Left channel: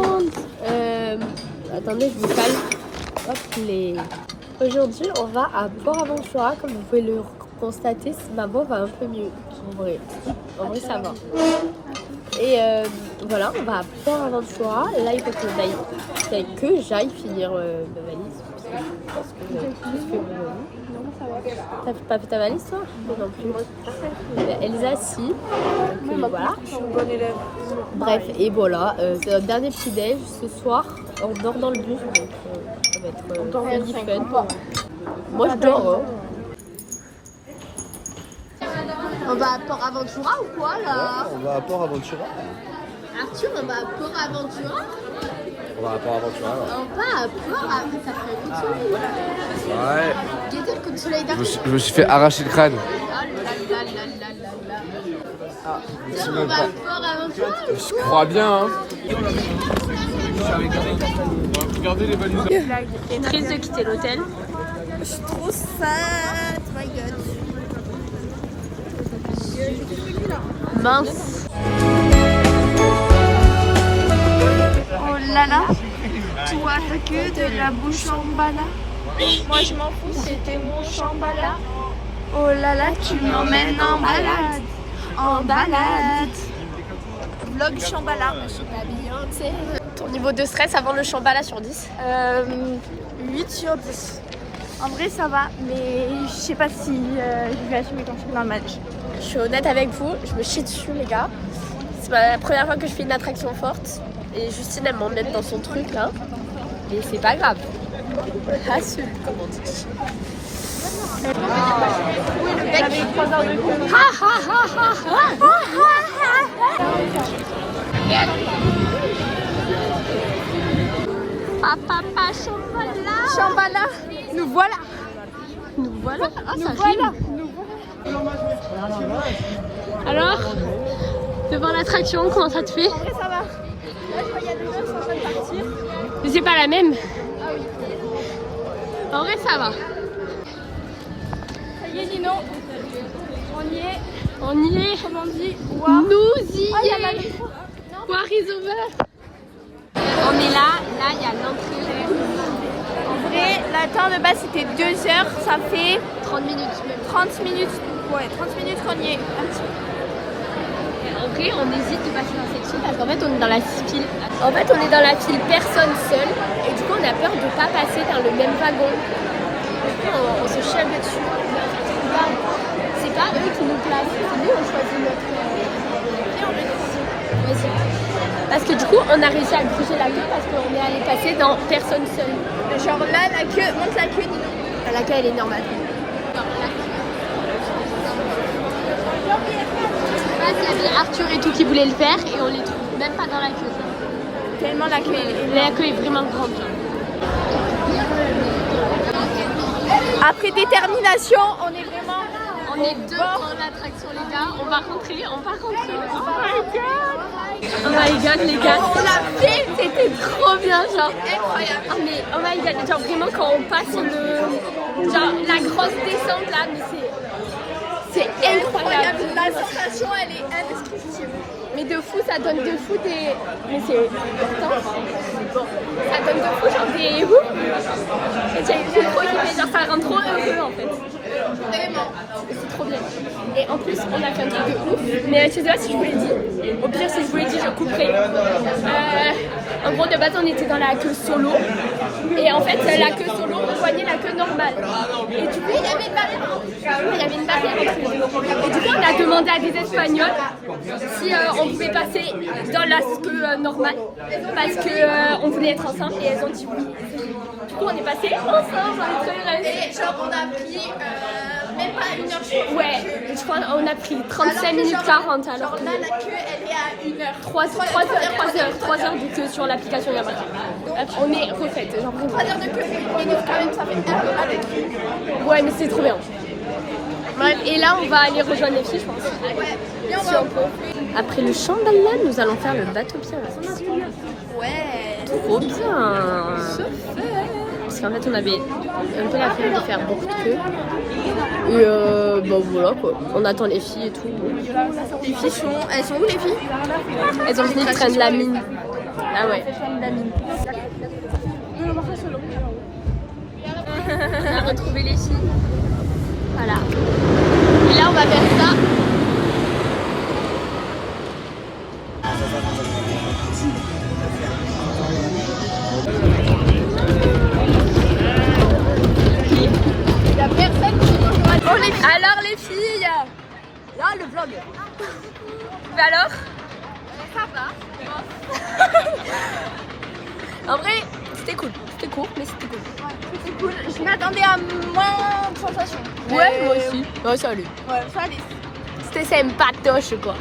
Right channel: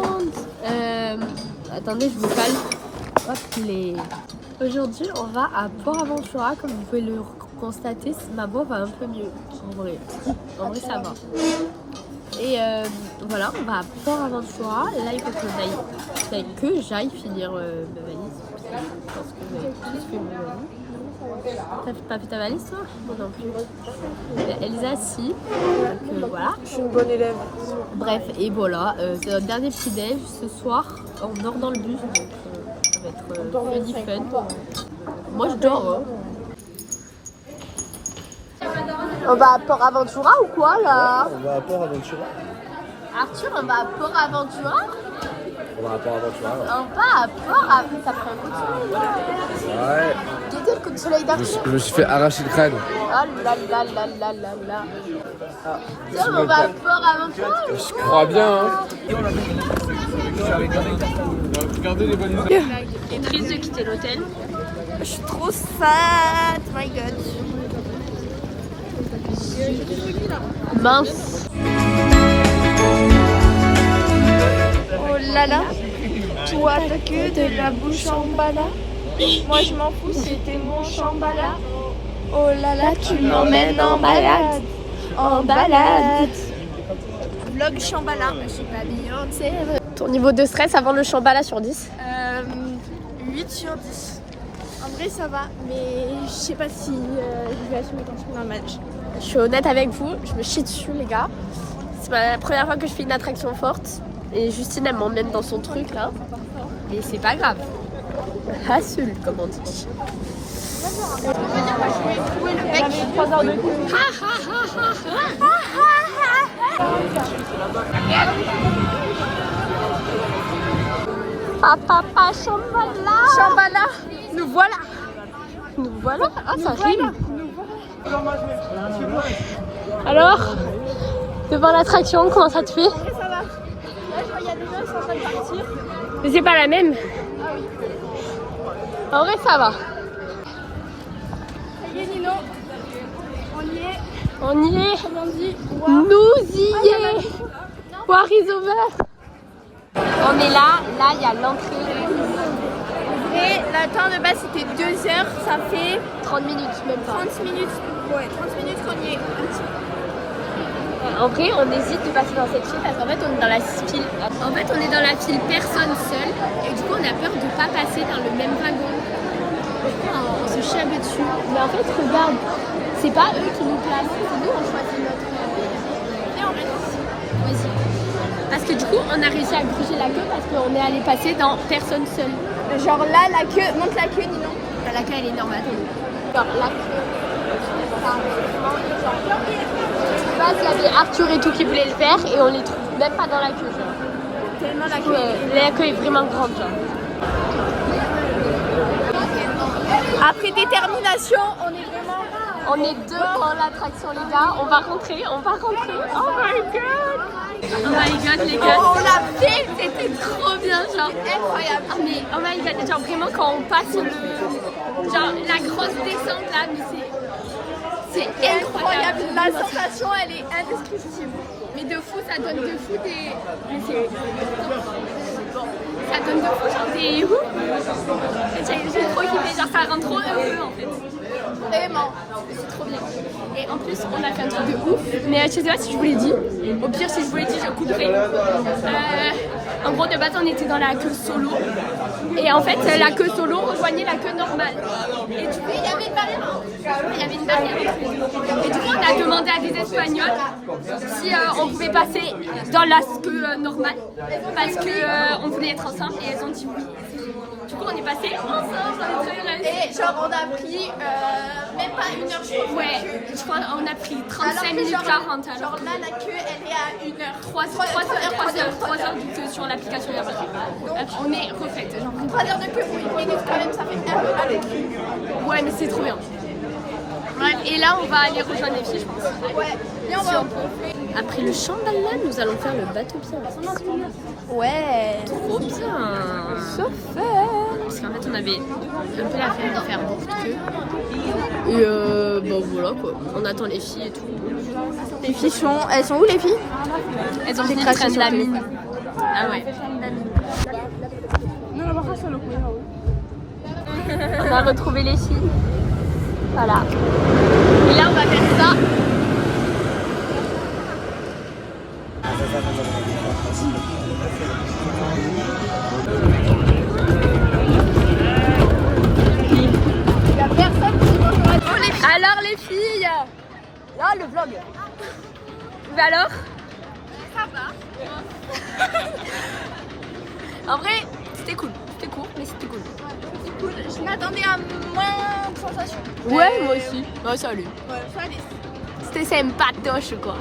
monde. Attendez, je vous cale. Hop les. Aujourd'hui, on va à Port Aventura. Comme vous pouvez le constater, ma voix va un peu mieux. En vrai, ça va. Et voilà, on va à Port Aventura. Là, il faut que j'aille finir ma valise. Parce que je pense que vous avez tous fait ma valise. T'as pas fait ta valise, toi? Moi non plus. Elsa, si. Donc voilà. Je suis une bonne élève. Bref, et voilà. C'est notre dernier petit déj. Ce soir, on dort dans le bus. Donc ça va être funny fun. Moi, je dors. Hein. On va à Port Aventura ou quoi là? On va à Port Aventura. Arthur, on va à Port Aventura? On va à Port Aventura. On va à Port Aventura. Ça prend un coup de soleil. Ouais. Quel coup de soleil d'Arthur? Je me suis fait arracher le crâne. Oh là là là là là là. Là, on va à Port Aventura? Je crois bien. Hein. Regardez les valises. Il est triste de quitter l'hôtel. Je suis trop sad, my god. Mince. Oh là là, toi t'as que de la bouche en bala. Moi je m'en fous, c'était mon chambala. Oh là là, tu m'emmènes en balade. En balade. Vlog chambala, je suis pas Beyoncé. Ton niveau de stress avant le Shambhala sur 10? 8 sur 10. En vrai ça va, mais je sais pas si je vais assumer comme ça dans le match. Je suis honnête avec vous, je me chie dessus les gars. C'est la première fois que je fais une attraction forte. Et Justine elle m'emmène dans son truc là. Mais c'est pas grave. Assume comme on dit. On peut dire que je vais trouver le bec. Papa Shambhala. Chambala, nous voilà. Nous voilà. Ah ça Voilà. rime. Alors, devant l'attraction, comment ça te fait? Ça va. Moi je regarde les gens, ils sont en train de partir. Mais c'est pas la même. En vrai ça va. Ça y est Nino, on y est. On y est. Comment on dit? Nous y est. War is over. On est là il y a l'entrée. En vrai, le temps de base c'était 2 heures, ça fait 30 minutes même. 30 minutes. Ouais, 30 minutes qu'on y est. Un petit peu. En vrai, on hésite de passer dans cette file parce qu'en fait, on est dans la file. En fait, on est dans la file personne seule et du coup, on a peur de pas passer dans le même wagon. Du coup, on s'est chialé dessus. Mais en fait, regarde, c'est pas eux qui nous placent, c'est nous, on choisit notre. Viens, on va ici. Vas-y. Parce que du coup, on a réussi à gruger la queue parce qu'on est allé passer dans personne seule. Genre là, la queue, monte la queue Nino. La queue, elle est normale. Genre la queue. De base, il y avait Arthur et tout qui voulaient le faire et on les trouve même pas dans la queue. Genre. Tellement la queue est La queue est vraiment grande. Genre. Après détermination, on est vraiment. On est deux dans l'attraction les gars. On va rentrer. Oh my god. Oh my god les gars. On l'a fait. C'était trop bien genre. Incroyable. Ah mais oh my god. Genre vraiment quand on passe genre la grosse descente là, mais c'est incroyable. La sensation, elle est indescriptible. Mais de fou, ça donne de fou des. Mais c'est. Bon, ça donne de fou, genre des. J'ai trop kiffé, genre ça rend trop heureux en fait. Vraiment. C'est trop bien. Et en plus, on a fait un truc de ouf. Mais je sais pas si je vous l'ai dit. Au pire, si je vous l'ai dit, je couperai. En gros, de base, on était dans la queue solo. Et en fait, la queue solo rejoignait la queue normale. Et du coup, il y avait une barrière. Il y avait une barrière entre les deux. Et du coup, on a demandé à des Espagnols si on pouvait passer dans la queue normale. Parce qu'on voulait être ensemble et elles ont dit oui. Du coup, on est passé ensemble. Et genre, on a pris même pas 1 heure, je crois. Ouais, je crois qu'on a pris 35 minutes 40 alors. Genre là, la queue, elle est à 1 heure. 3 heures vu que sur l'application il y a marqué. On est refaite, genre 3 heures de queue pour 1 minute quand même, ça fait un peu avec lui. ouais, mais c'est trop bien. Bref, et là on va aller rejoindre les filles, je pense. Ouais, bien Si on peut. Après le Shambhala, nous allons faire le bateau bien. Ouais. Trop bien. Parce qu'en fait, on avait un peu la flemme de faire beaucoup de queue. Et bah voilà quoi. On attend les filles et tout. Les filles sont. Elles sont où les filles? Elles ont fini de traîner de la mine. Ah ouais. On a retrouvé les filles. Voilà. Et là, on va faire ça. Alors les filles, là le vlog. Mais alors? Ça va. En vrai, c'était cool. C'était court, mais c'était cool. Je m'attendais à moins de sensations. Ouais, moi aussi. Ouais, salut. Ouais, ça allait. C'était sympatoche quoi.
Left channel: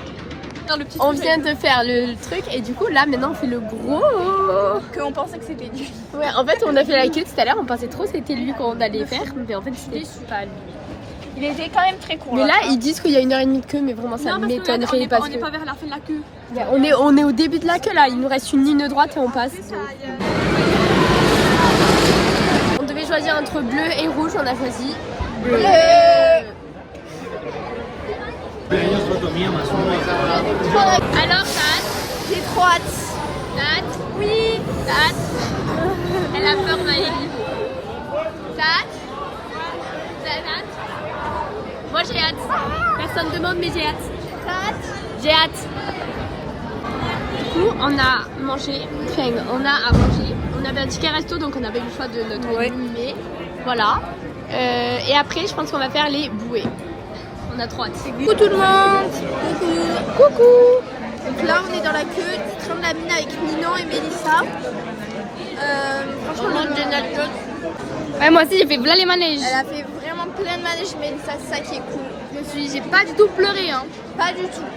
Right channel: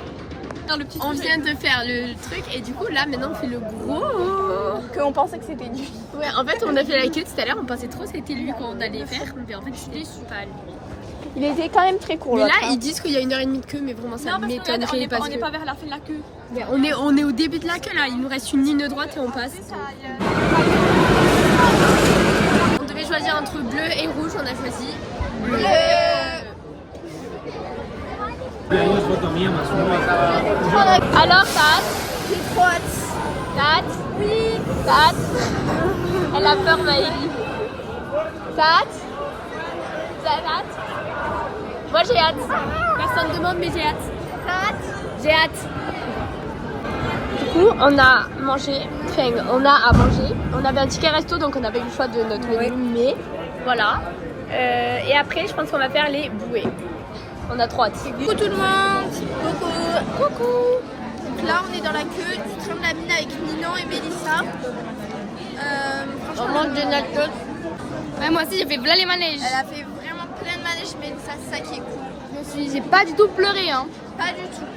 On vient de faire le truc et du coup là maintenant on fait le gros. Qu'on pensait que c'était lui. Ouais, en fait on a fait la queue tout à l'heure, on pensait trop que c'était lui qu'on allait faire, mais en fait c'était pas lui. Il était quand même très court. Mais là ils disent qu'il y a 1h30 de queue, mais vraiment ça m'étonnerait parce on que n'est pas vers la fin de la queue. ouais, on est au début de la queue là, il nous reste une ligne droite et on passe. On devait choisir entre bleu et rouge, on a choisi bleu. Alors Kat, J'ai trop hâte. Kat, oui, Kat, elle a peur Maëlie. Kat, Kat, moi j'ai hâte. Personne demande mais j'ai hâte. J'ai hâte. Du coup on a mangé, enfin on a à manger. On avait un ticket resto donc on avait le choix de notre menu, mais voilà. Et après je pense qu'on va faire les bouées. On a trop hâte. Coucou tout le monde. Coucou. Donc là on est dans la queue du train de la mine avec Minon et Mélissa. Franchement le nachos. Ouais, moi aussi j'ai fait plein les manèges. Elle a fait vraiment plein de manèges, Mélissa, c'est ça qui est cool. J'ai pas du tout pleuré hein. Pas du tout.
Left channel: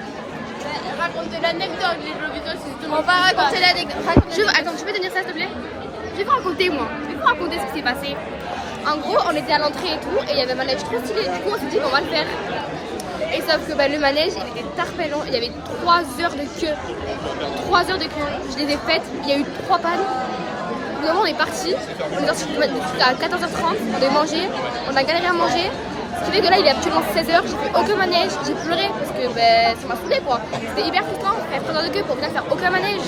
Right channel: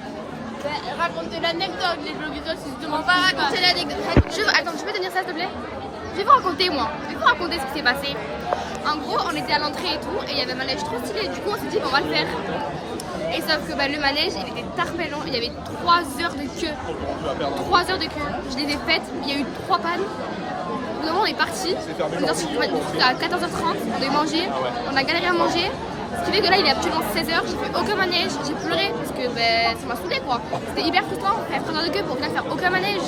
Raconter l'anecdote, les blogueurs, c'est On va raconter l'anecdote. Attends, tu peux tenir ça s'il te plaît? Je vais vous raconter moi. Je vais vous raconter ce qui s'est passé. En gros, on était à l'entrée et tout, et il y avait un manège trop stylé. Du coup, on s'est dit, on va le faire. Et sauf que le manège, il était tard long. Il y avait 3 heures de queue. 3 heures de queue. Je les ai faites. Il y a eu 3 pannes. Au bout d'un moment, on est parti. On est sorti à 14h30. On devait manger. On a galéré à manger. Ce qui fait que là, il est actuellement 16h. J'ai fait aucun manège. J'ai pleuré parce que ça m'a saoulé quoi. C'était hyper frustrant. On fait 3 heures de queue pour venir faire aucun manège.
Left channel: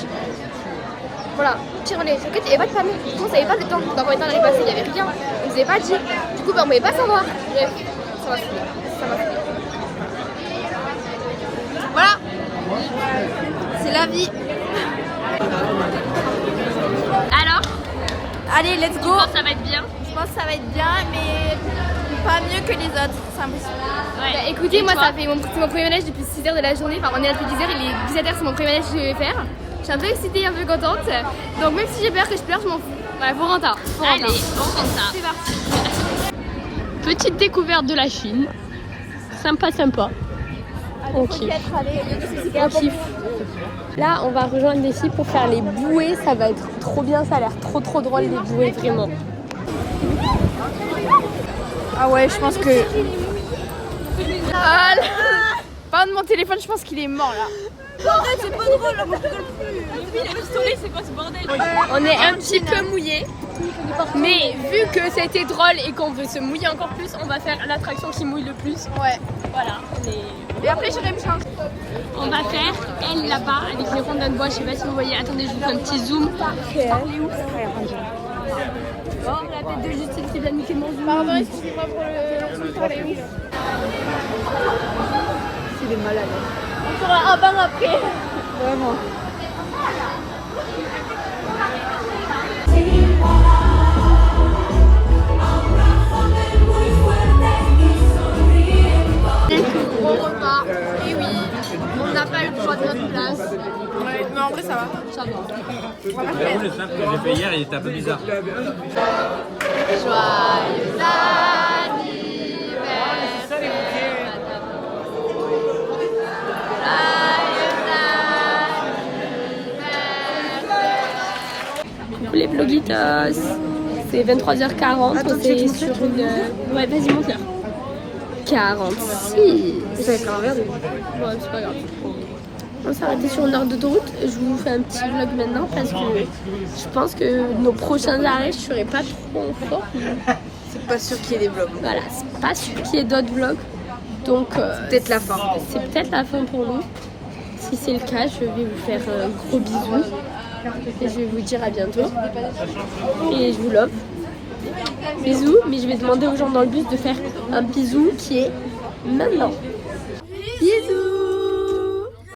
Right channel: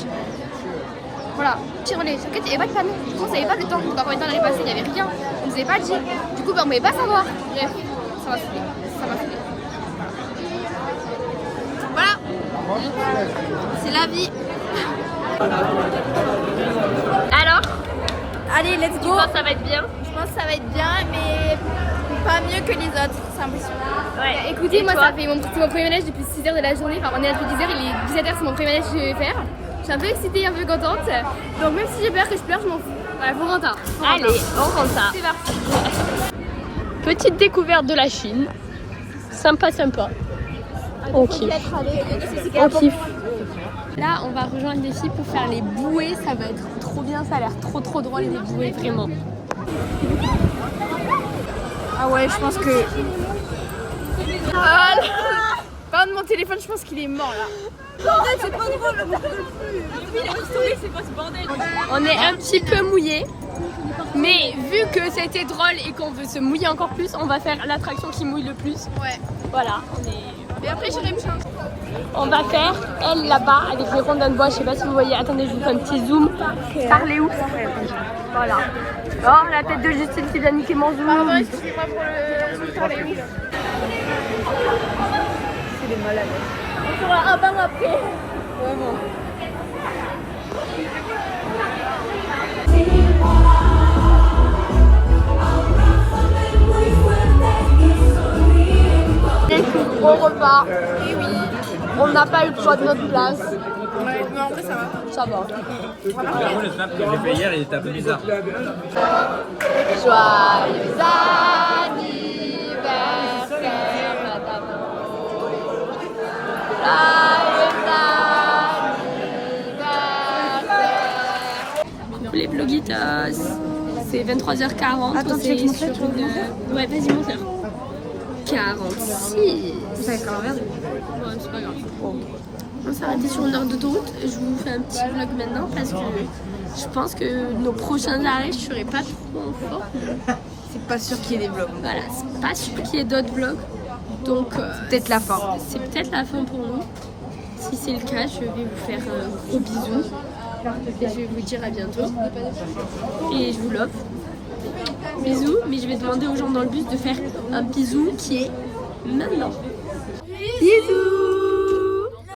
Voilà, pire relais. En fait, il n'y avait pas de panneau. Du coup, on savait pas le temps. Dans combien de temps on allait passer. Il n'y avait rien. On nous avait pas dit. Du coup, on ne pouvait pas savoir. Bref, ça m'a saoulé. Ça m'a saoulé. Voilà. C'est la vie. Alors, Allez, let's go. ça va être bien. Je pense que ça va être bien, mais pas mieux que les autres. C'est impossible. Ouais. Écoutez, Et moi toi ça fait mon premier manège depuis 6h de la journée, enfin on est là depuis 10h, il est 17h, c'est mon premier manège que je vais faire. Je suis un peu excitée, un peu contente, donc même si j'ai peur que je pleure, je m'en fous. Voilà, faut rentrer. Allez, on prend ça. Petite découverte de la Chine. Sympa. On kiffe. On kiffe. Là, on va rejoindre les filles pour faire les bouées. Ça va être trop bien. Ça a l'air trop drôle les bouées, vraiment. Ah ouais, je pense que. Pas de mon téléphone, je pense qu'il est mort là. En fait, c'est pas drôle, là, moi je rigole plus. On est un petit peu mouillés. Mais vu que c'était drôle et qu'on veut se mouiller encore plus, on va faire l'attraction qui mouille le plus. Ouais. Voilà, on est... Et après, j'irai me changer. On va faire elle là-bas avec les rondins de bois. Je sais pas si vous voyez. Attendez, je vous fais un petit zoom. Parlez où? Voilà. Oh, la tête de Justine qui vient niquer mon zoom. Pardon, excusez-moi pour le parler où. C'est des malades. On fera un bain après. Vraiment. Gros repas. Et oui. On n'a pas eu le choix de notre place. Ouais, mais en vrai, ça va. Ça va. Le snap que j'ai fait hier, il était un peu bizarre. Joyeux anniversaire. Coucou les bloguitos. C'est 23h40. Attends, c'est tu sur une... Ouais, vas-y, monte là. 46. Ça va être un verre. Ouais, c'est pas grave. On s'est arrêté sur une heure d'autoroute. Je vous fais un petit vlog maintenant parce que je pense que nos prochains arrêts, je serai pas trop en forme. C'est pas sûr qu'il y ait des vlogs. Voilà, c'est pas sûr qu'il y ait d'autres vlogs. Donc, Peut-être la fin. c'est peut-être la fin pour nous. Si c'est le cas, je vais vous faire un gros bisou. Et je vais vous dire à bientôt. Et je vous love. Bisous, mais je vais demander aux gens dans le bus de faire un bisou qui est maintenant.